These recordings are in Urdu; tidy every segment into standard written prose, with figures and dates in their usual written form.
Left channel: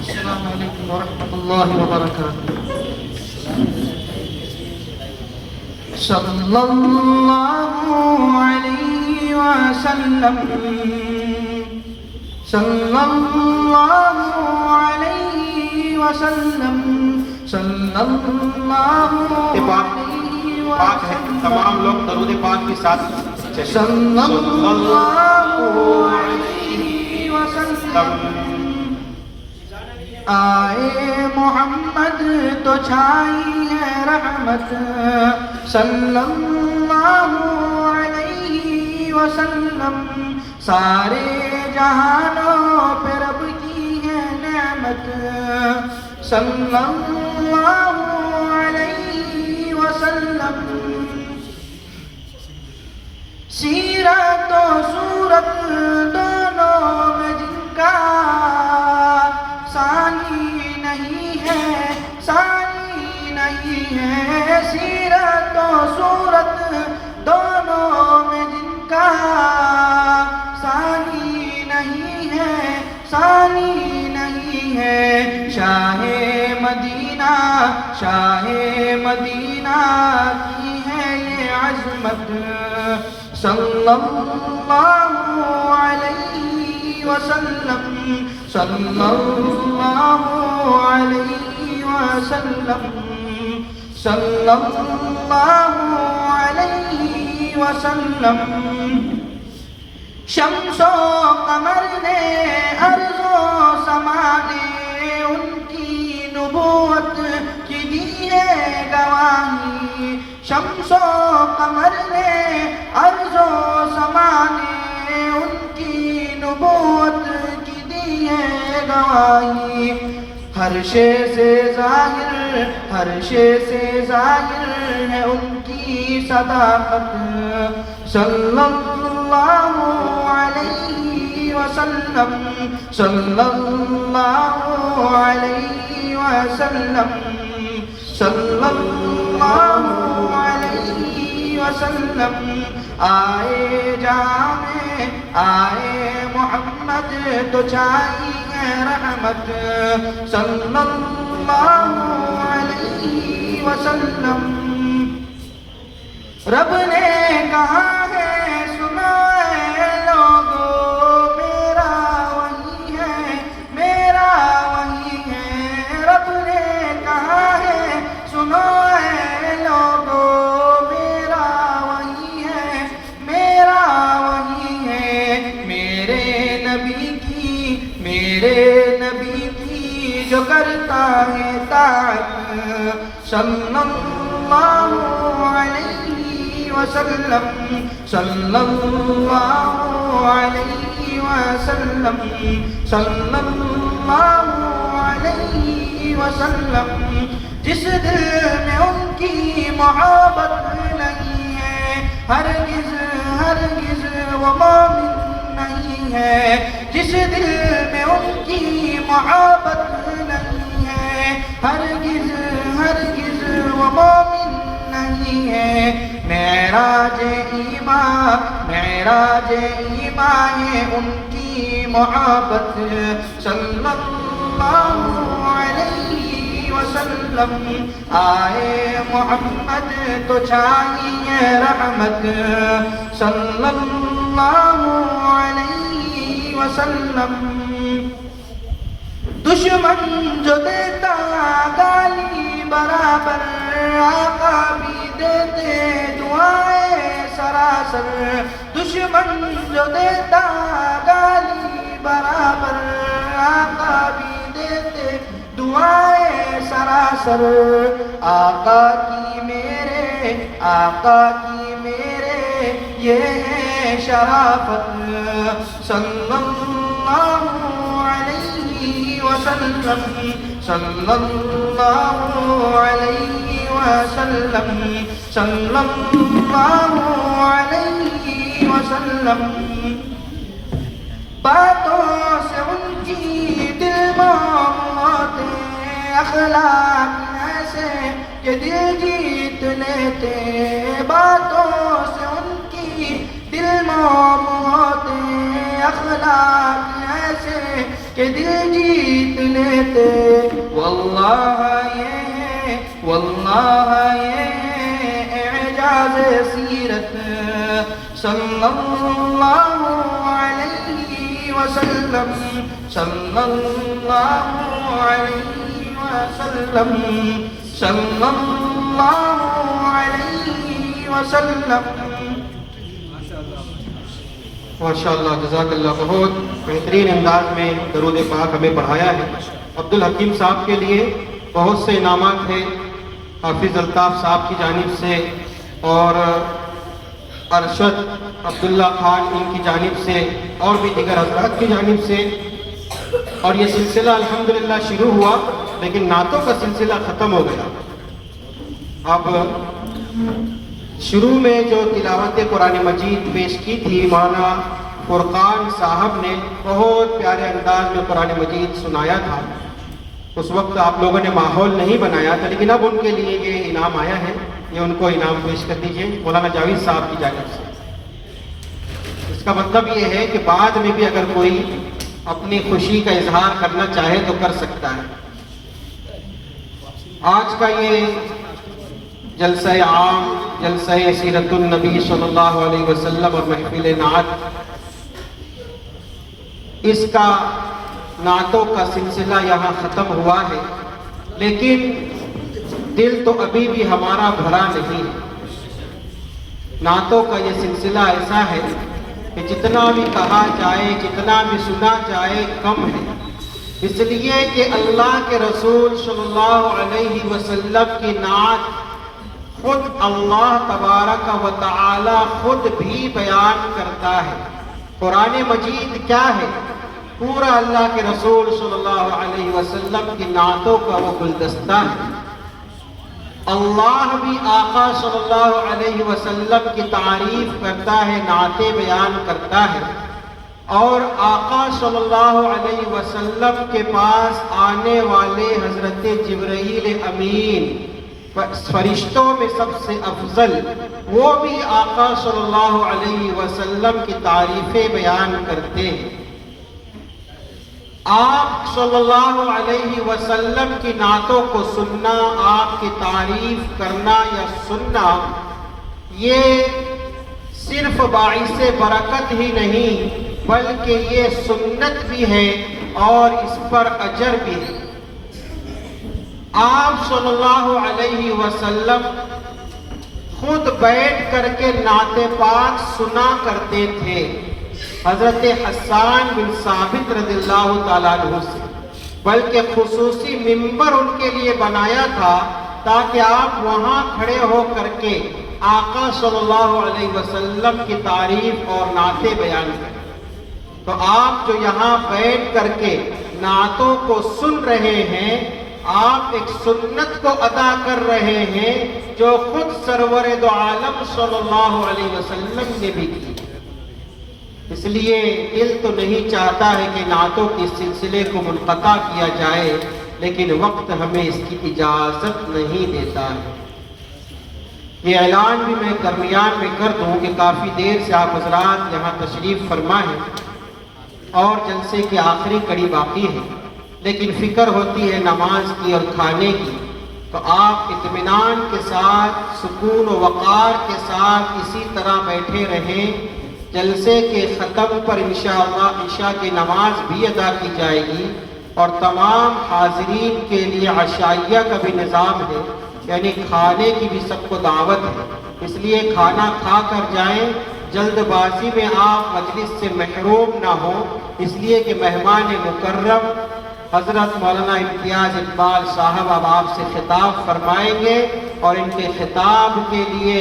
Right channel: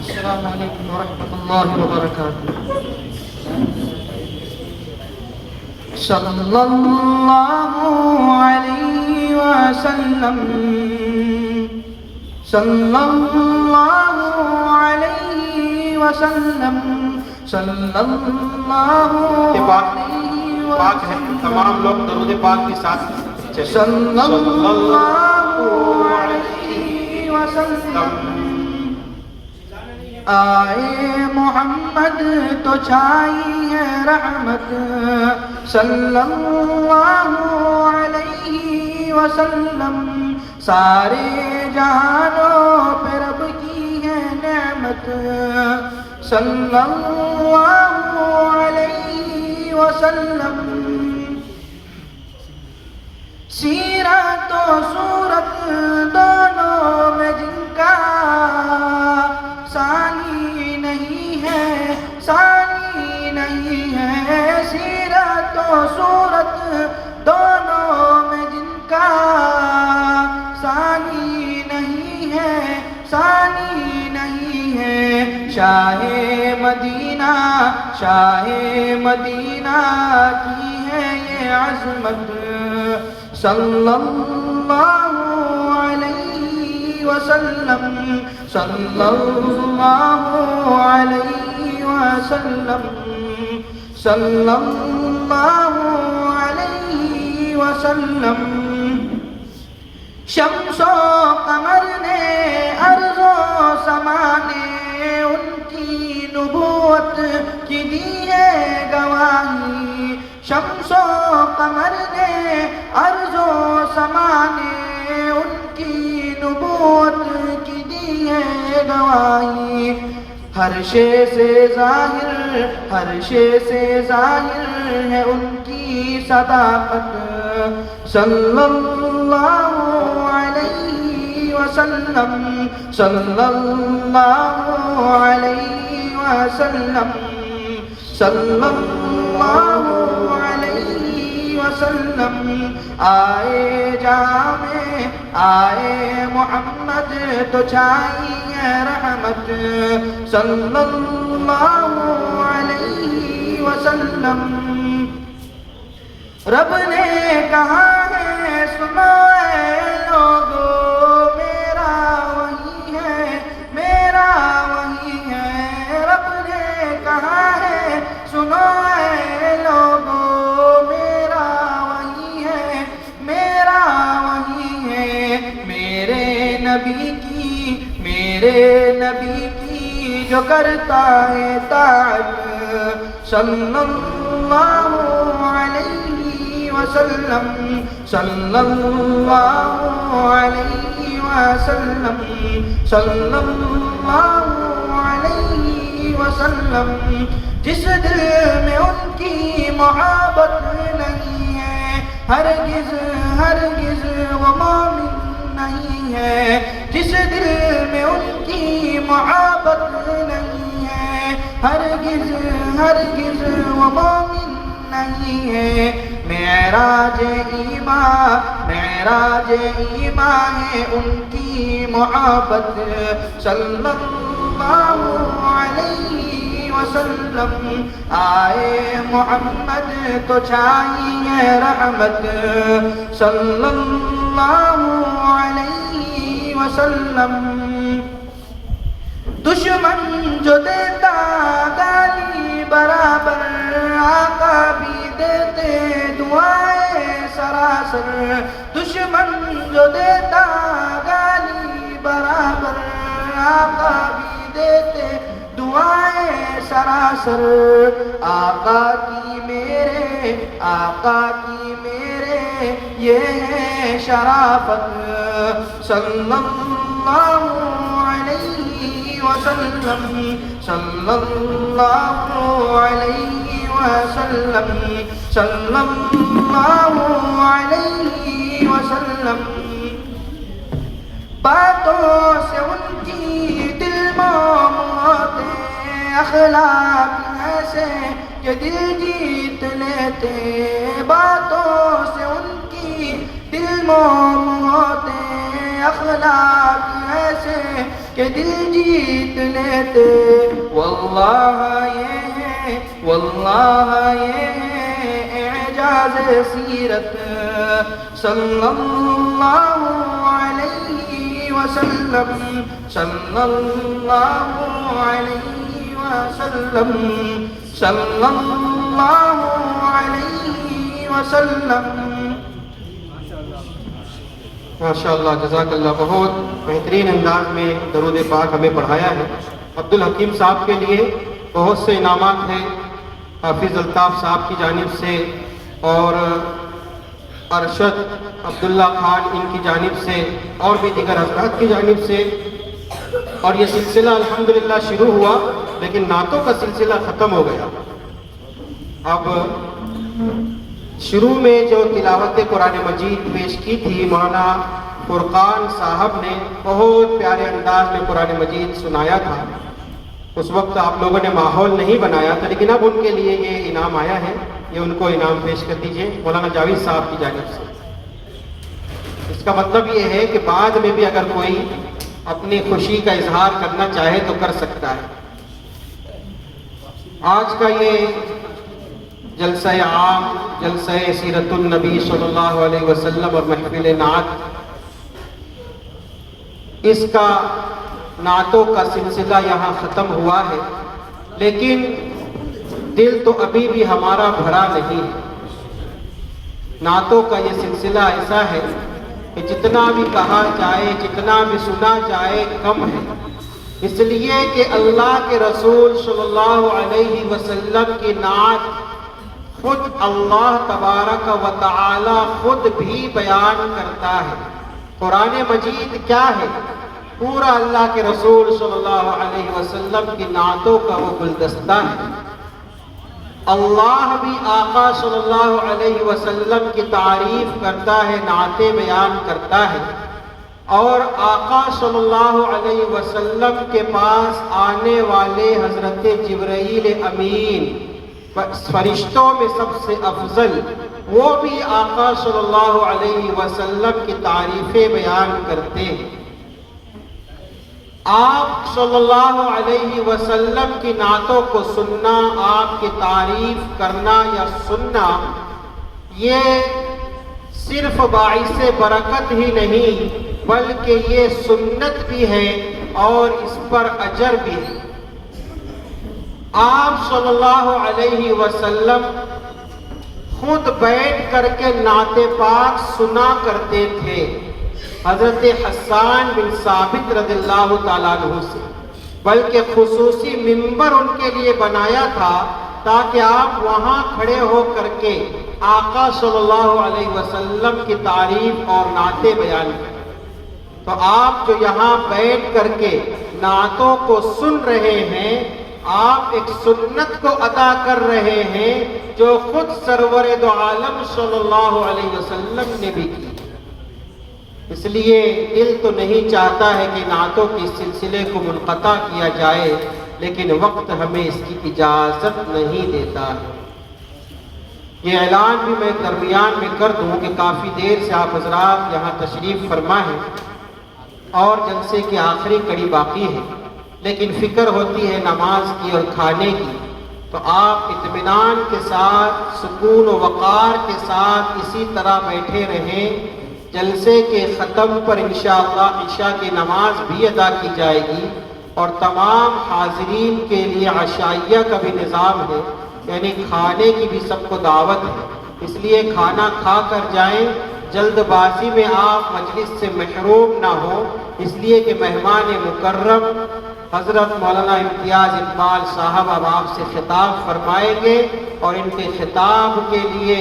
السلام علیکم ورحمۃ اللہ وبرکاتہ. صلی اللہ علیہ وسلم، صلی اللہ علیہ وسلم، صلی اللہ علیہ پاک ہے. تمام لوگ درود پاک کے ساتھ صلی اللہ علیہ وسلم. آئے محمد تو چھائی ہے رحمت، صلی اللہ علیہ وسلم. سارے جہانوں پہ رب کی ہے نعمت، صلی اللہ علیہ وسلم. سیرت و صورت دونوں میں جن کا ثانی نہیں ہے، ثانی نہیں ہے. سیرت و صورت دونوں میں جن کا ثانی نہیں ہے، ثانی نہیں ہے. شاہ مدینہ، شاہ مدینہ کی ہے یہ عظمت، صلی اللہ علیہ وسلم، صلی اللہ علیہ وسلم، صلی اللہ علیہ وسلم. شمس و قمر نے ارض و سما نے ان کی نبوت کی دی ہے گواہی. شمس و قمر نے ارض و سما نے ان کی نبوت کی دی ہے گواہی. ہر شے سے ظاہر، ہر شے سے ظاہر ہے ان کی صداقت، صلی اللہ علیہ وسلم، صلی اللہ علیہ وسلم، صلی اللہ علیہ وسلم. آئے جہاں میں آئے محمد تو چھائی ہے رحمت، صلی اللہ علیہ وسلم. رب نے کہا ہے سنو اے لوگو، میرا وہی ہے، میرا وہی ہے. رب نے کہا ہے سنو اے لوگو، میرا وہی ہے، میرا وہی ہے. میرے نبی کی جو کرتا ہے طاعت، صلی اللہ علیہ وسلم، صلی اللہ علیہ وسلم، صلی اللہ علیہ وسلم. جس دل میں ان کی محبت نہیں ہے، ہرگز ہرگز وہ مومن نہیں ہے. جس دل میں ان کی محبت نہیں ہے، ہرگز ہرگز وہ مومن نہیں ہے. معراج ایمان، معراج ایمان ہے ان کی محبت، صلی اللہ علیہ وسلم. آئے محمد تو چھائی ہے رحمت، صلی اللہ علیہ وسلم. دشمن جو دیتا گالی برابر، آقا بھی دیتے دعائیں سراسر. دشمن جو دیتا گالی برابر، آقا بھی دیتے دعائیں سراسر. آقا کی میرے یہ ہے شرافت، صلی اللہ علیہ وسلم، صلی اللہ علیہ وسلم، صلی اللہ علیہ وسلم. باتوں سے ان کی دل موت اخلاق ایسے کہ دل جیت لیتے، باتوں سے ان کی دل موم ہوتے، اخلاق ایسے کہ دل جیت لیتے، واللہ یہ ہے اعجاز سیرت، صلی اللہ علیہ وسلم، صلی اللہ علیہ وسلم، صلی اللہ علیہ وسلم۔ ماشاءاللہ، جزاک اللہ، بہت بہترین انداز میں درود پاک ہمیں پڑھایا ہے۔ عبدالحکیم صاحب کے لیے بہت سے انعامات ہیں حافظ الطاف صاحب کی جانب سے اور ارشد عبداللہ خان ان کی جانب سے اور بھی دیگر حضرات کی جانب سے، اور یہ سلسلہ الحمدللہ شروع ہوا لیکن نعتوں کا سلسلہ ختم ہو گیا۔ اب شروع میں جو تلاوت قرآن مجید پیش کی تھی مولانا فرقان صاحب نے، بہت پیارے انداز میں قرآن مجید سنایا تھا۔ اس وقت آپ لوگوں نے ماحول نہیں بنایا تھا، لیکن اب ان کے لیے یہ انعام آیا ہے، یہ ان کو انعام پیش کر دیجئے مولانا جاوید صاحب کی جانب سے۔ اس کا مطلب یہ ہے کہ بعد میں بھی اگر کوئی اپنی خوشی کا اظہار کرنا چاہے تو کر سکتا ہے۔ آج کا یہ جلسہ عام، جلسہ سیرت النبی صلی اللہ علیہ وسلم اور محفل نعت، اس کا نعتوں کا سلسلہ یہاں ختم ہوا ہے، لیکن دل تو ابھی بھی ہمارا بھرا نہیں ہے۔ نعتوں کا یہ سلسلہ ایسا ہے کہ جتنا بھی کہا جائے، جتنا بھی سنا جائے کم ہے، اس لیے کہ اللہ کے رسول صلی اللہ علیہ وسلم کی نعت خود اللہ تبارک و تعالی خود بھی بیان کرتا ہے۔ قرآن مجید کیا ہے؟ پورا اللہ کے رسول صلی اللہ علیہ وسلم کی نعتوں کا وہ گلدستہ ہے۔ اللہ بھی آقا صلی اللہ علیہ وسلم کی تعریف کرتا ہے، نعتیں بیان کرتا ہے، اور آقا صلی اللہ علیہ وسلم کے پاس آنے والے حضرت جبرائیل امین، فرشتوں میں سب سے افضل، وہ بھی آقا صلی اللہ علیہ وسلم کی تعریفیں بیان کرتے ہیں۔ آپ صلی اللہ علیہ وسلم کی نعتوں کو سننا، آپ کی تعریف کرنا یا سننا، یہ صرف باعث برکت ہی نہیں بلکہ یہ سنت بھی ہے اور اس پر اجر بھی ہے۔ آپ صلی اللہ علیہ وسلم خود بیٹھ کر کے نعت پاک سنا کرتے تھے، حضرت حسان بن ثابت رضی اللہ تعالیٰ عنہ سے، بلکہ خصوصی منبر ان کے لیے بنایا تھا تاکہ آپ وہاں کھڑے ہو کر کے آقا صلی اللہ علیہ وسلم کی تعریف اور نعتیں بیان کریں۔ تو آپ جو یہاں بیٹھ کر کے نعتوں کو سن رہے ہیں، آپ ایک سنت کو ادا کر رہے ہیں جو خود سرور دو عالم صلی اللہ علیہ وسلم نے بھی کی۔ اس لیے دل تو نہیں چاہتا ہے کہ نعتوں کے سلسلے کو منقطع کیا جائے، لیکن وقت ہمیں اس کی اجازت نہیں دیتا ہے۔ یہ اعلان بھی میں درمیان میں کر دوں کہ کافی دیر سے آپ حضرات یہاں تشریف فرما ہیں اور جلسے کی آخری کڑی باقی ہے، لیکن فکر ہوتی ہے نماز کی اور کھانے کی، تو آپ اطمینان کے ساتھ، سکون و وقار کے ساتھ اسی طرح بیٹھے رہیں۔ جلسے کے ختم پر انشاءاللہ عشاء کی نماز بھی ادا کی جائے گی اور تمام حاضرین کے لیے عشائیہ کا بھی نظام ہے، یعنی کھانے کی بھی سب کو دعوت ہے، اس لیے کھانا کھا کر جائیں، جلد بازی میں آپ مجلس سے محروم نہ ہوں، اس لیے کہ مہمان مکرم حضرت مولانا امتیاز اقبال صاحب اب آپ سے خطاب فرمائیں گے، اور ان کے خطاب کے لیے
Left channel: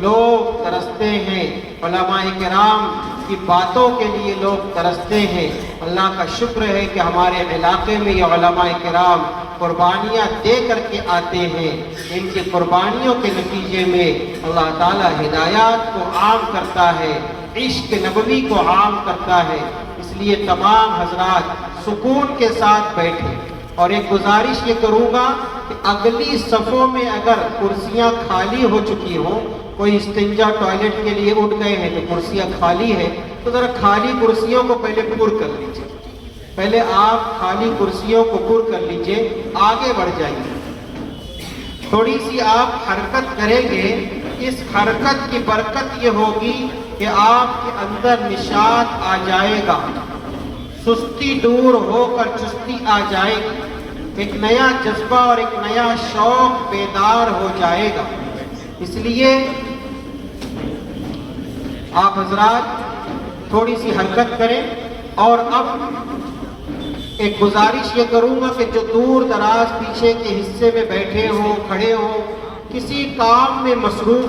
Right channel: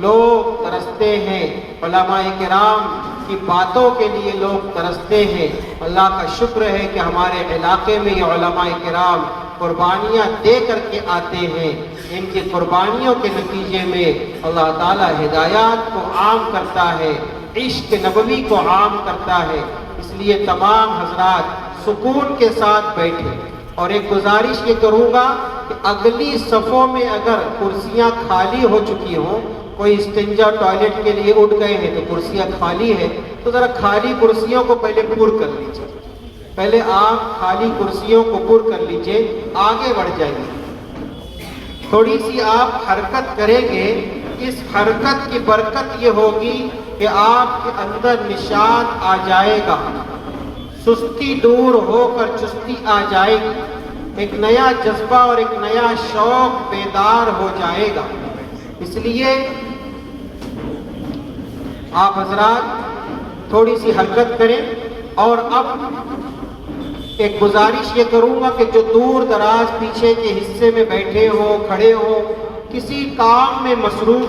لوگ ترستے ہیں، علماء کرام کی باتوں کے لیے لوگ ترستے ہیں۔ اللہ کا شکر ہے کہ ہمارے علاقے میں یہ علماء کرام قربانیاں دے کر کے آتے ہیں، ان کی قربانیوں کے نتیجے میں اللہ تعالی ہدایات کو عام کرتا ہے، عشق نبوی کو عام کرتا ہے۔ اس لیے تمام حضرات سکون کے ساتھ بیٹھے، اور ایک گزارش یہ کروں گا کہ اگلی صفوں میں اگر کرسیاں خالی ہو چکی ہوں، کوئی استنجا ٹوائلٹ کے لیے اٹھ گئے ہیں تو کرسیاں خالی ہے، تو ذرا خالی کرسیوں کو پہلے پر کر لیجیے. پہلے آپ خالی کرسیوں کو پر کر لیجئے، آگے بڑھ جائیے. تھوڑی سی آپ حرکت کریں گے، اس حرکت کی برکت یہ ہوگی کہ آپ کے اندر نشاط آ جائے گا، سستی دور ہو کر چستی آ جائے گی، ایک نیا جذبہ اور ایک نیا شوق بیدار ہو جائے گا. اس لیے آپ حضرات تھوڑی سی حرکت کریں. اور اب ایک گزارش یہ کروں گا کہ جو دور دراز پیچھے کے حصے میں بیٹھے ہو، کھڑے ہو، کسی کام میں مصروف